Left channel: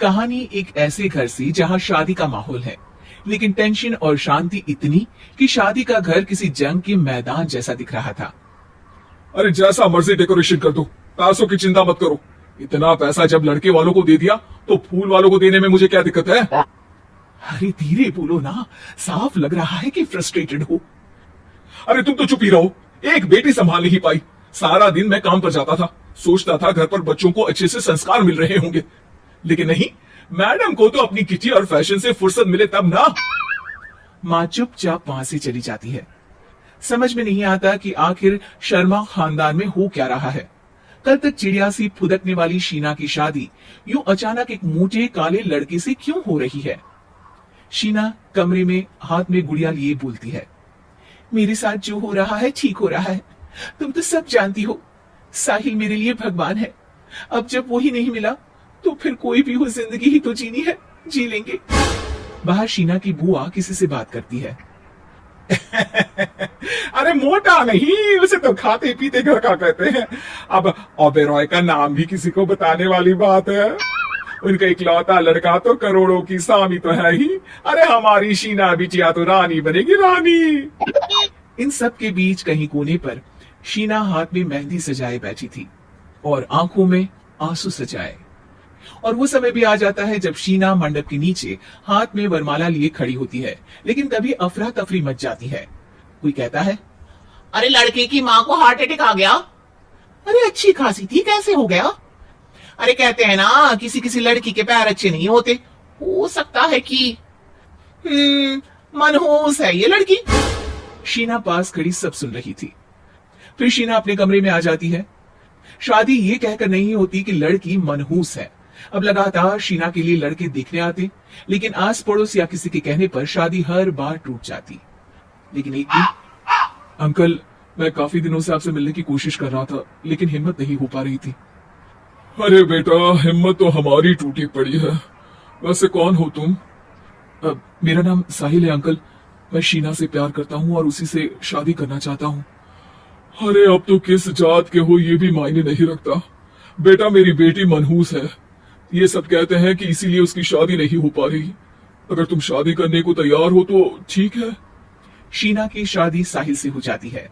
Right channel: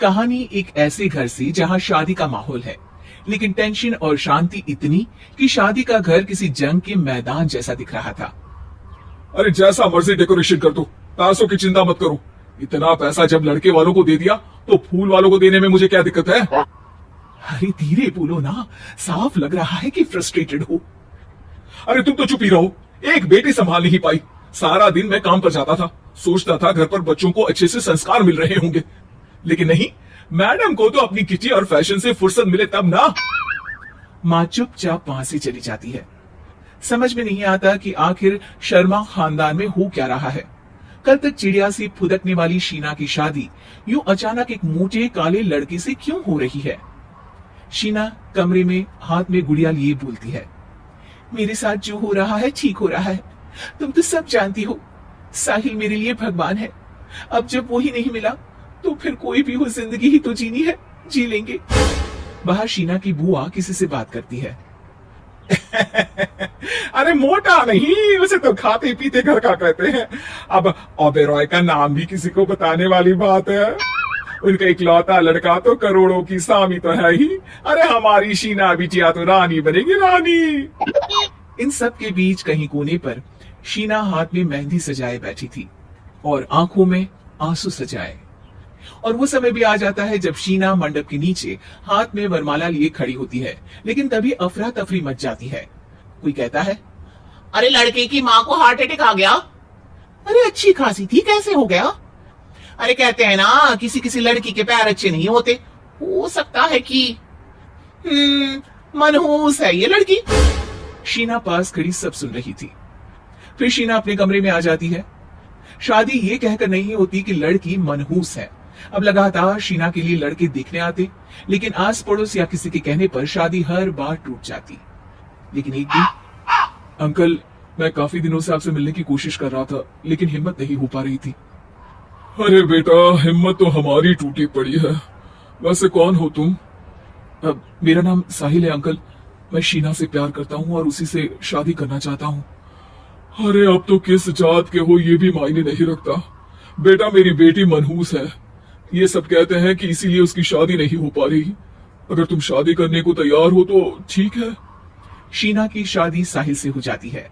कहानी एक ऐसे घर से जहां शादी का माहौल है, लेकिन टेंशन और शांति इतनी कि शादी का घर किसी जंग के मैदान जैसा दिख रहा था। अरे जैसा मर्जी डेकोरेशन कर दो, पैसों की चिंता मत करो। इतना पैसा जब लड़के वालों को दे दिया तो फूल वालों को देने में मुझे क्या दिक्कत है? अरे धीरे बोलो ना, साफ लग रहा है कि फ्रस्ट्रेटेड हो। अरे तुम तो चुप ही रहो। एक बेटी संभाल नहीं पाई। सारा दिन मैं काम पर जाता था, सोचता था घर पर बच्चों को अच्छे से संस्कार मिल रहे होंगे, लेकिन नहीं, मैडम को तो अपनी किटी और फैशन से फुर्सत मिले तब ना। माँ चुपचाप वहां से चली जाती है। समझ में नहीं आता कि आखिर शर्मा खानदान में हो क्या रहा है। कल तक चिड़िया सी फुदकने वाली शीना की शादी यूं अचानक एक मोटे काले लड़के से क्यों हो रही है? शीना कमरे में हाथ में गुड़िया लिए बोलती है, मेरे साथ जो हो रहा है ठीक हो रहा है। तुम तो सब जानती हो, साहिल मेरे लिए भगवान है। अब जब वो ही नहीं मिला तो फिर कोई भी हो, जिंदगी ही तो जीनी है, जी लेंगे। बाहर शीना की बुआ किसी से बात करती है। अरे मोटा नहीं, उसे तो खाते पीते घर का कहते हैं। अब ओबेरॉय का नाम भी किसी को बताने वाली बात है। उनका इकलौता लड़का तो करोड़ों की सामी तो है ही। अरे हमारी शीना बिटिया तो रानी बनेगी, रानी। इन सब के बीच कहीं कोने पर शीना हाथ में मेहंदी सजाए बैठी थी और आंखों में आंसू सजाए। और वो समय भी आ जाता है जब शीना मंडप के नीचे हाथ में वरमाला लिए खड़ी होती है, लेकिन तभी अफरा तफरी मच जाती है। कोई कहता है, अरे लड़के की माँ को हार्ट अटैक आ गया। अरे अच्छी खासी थी, कैसे हो गया? अरे कहते हैं ना, किसी किसी लड़की के पैर अच्छे नहीं होते, हो सकता है कि मनहूस है ये लड़की। शीना पास खड़ी सब सुन रही थी। फिर शीना अपने कमरे में आ जाती है। शादी ये कहकर नहीं होती कि लड़की मनहूस है। अब लगातार शीना के लिए लड़के देखने आते, लेकिन आस पड़ोस या किसी के कहने पर शादी हर बार टूट जाती। लेकिन एक दिन, अंकल, मैं काफी दिनों से आपसे मिलने की कोशिश कर रहा था, लेकिन हिम्मत नहीं हो पा रही थी। अरे बेटा, हिम्मत तो हमारी टूटी पड़ी है। वैसे कौन हो तुम? मेरा नाम साहिल है अंकल। मैं शीना से प्यार करता हूँ और उसी से शादी करना चाहता हूँ। अरे अब तो किस जात के हो ये भी मायने नहीं रखता। बेटा, मेरी बेटी मनहूस है। ये सब कहते हैं कि इसीलिए उसकी शादी नहीं हो पा रही। अगर तुम शादी करने को तैयार हो तो ठीक है। शीना की शादी साहिल से हो जाती है।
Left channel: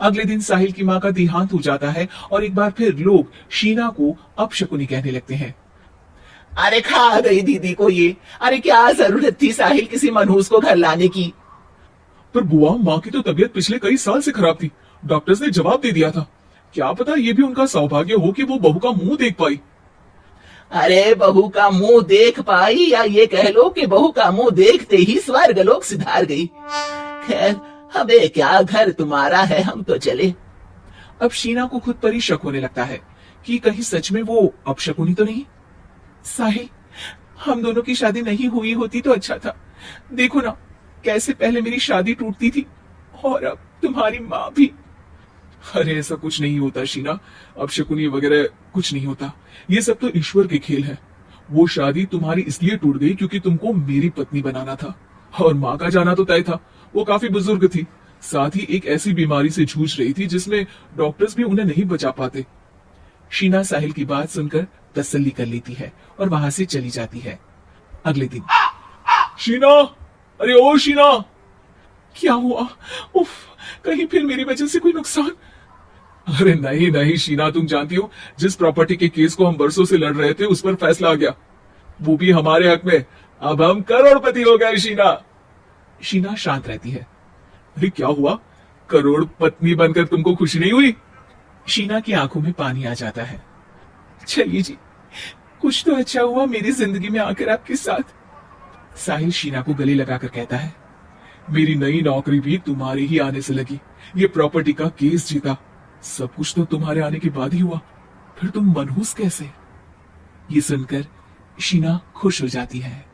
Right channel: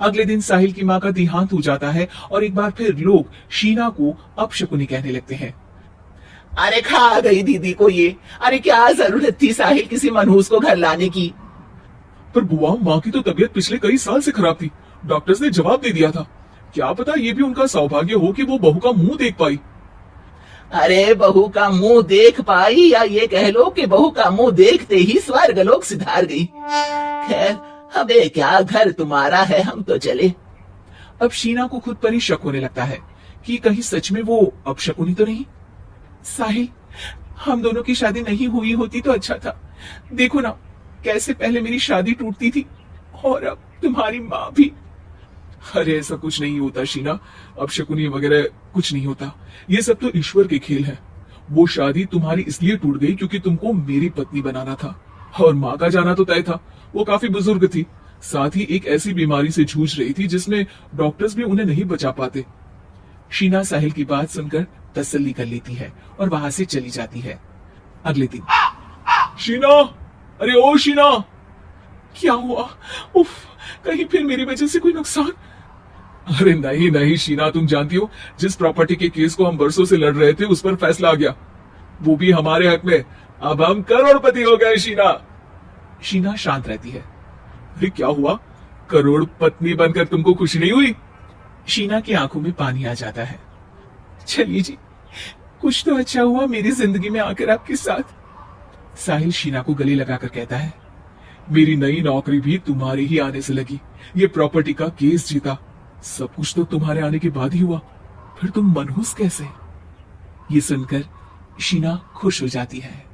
अगले दिन साहिल की माँ का देहांत हो जाता है और एक बार फिर लोग शीना को अपशकुनी कहने लगते हैं। अरे खा गई दीदी को ये। अरे क्या जरूरत थी साहिल किसी मनहूस को घर लाने की? पर बुआ, माँ की तो तबीयत पिछले कई साल से खराब थी। डॉक्टर्स ने जवाब दे दिया था। क्या पता ये भी उनका सौभाग्य हो कि वो बहू का मुंह देख पाई। अरे बहू का मुंह देख पाई, या ये कह लो कि बहू का मुंह देखते ही स्वर्ग लोक सुधार गई। खैर, हमें क्या, घर तुम्हारा है, हम तो चले। अब शीना को खुद पर ही शक होने लगता है कि कहीं सच में वो अपशकुनी तो नहीं। साहिल, हम दोनों की शादी नहीं हुई होती तो अच्छा था। देखो ना, कैसे पहले मेरी शादी टूटती थी और अब तुम्हारी माँ भी। अरे ऐसा कुछ नहीं होता शीना, अपशकुनी वगैरह कुछ नहीं होता। ये सब तो ईश्वर के खेल है। वो शादी तुम्हारी इसलिए टूट गई क्योंकि तुमको मेरी पत्नी बनाना था, और माँ का जाना तो तय था। वो काफी बुजुर्ग थी, साथ ही एक ऐसी बीमारी से जूझ रही थी जिसमें डॉक्टर्स भी उन्हें नहीं बचा पाते। शीना साहिल की बात सुनकर तसल्ली कर लेती है और वहां से चली जाती है। अगले दिन, शीना, अरे ओ शीना। क्या हुआ? उफ, कहीं फिर मेरी वजह से कोई नुकसान? अरे नहीं नहीं शीना, तुम जानती हो जिस प्रॉपर्टी के केस को हम बरसों से लड़ रहे थे उस पर फैसला आ गया, वो भी हमारे हक में। अब हम करोड़पति हो गए शीना। शीना शांत रहती है। अरे क्या हुआ? करोड़ पत्नी बनकर तुमको खुशी नहीं हुई? शीना की आंखों में पानी आ जाता है। चलिए जी, कुछ तो अच्छा हुआ मेरी जिंदगी में आकर आपके साथ। साहिल शीना को गले लगाकर कहता है, मेरी नई नौकरी भी तुम्हारी ही आने से लगी। ये प्रॉपर्टी का केस जीता, सब कुछ तो तुम्हारे आने के बाद ही हुआ। फिर तुम मनहूस कैसे? ये सुनकर शीना खुश हो जाती है।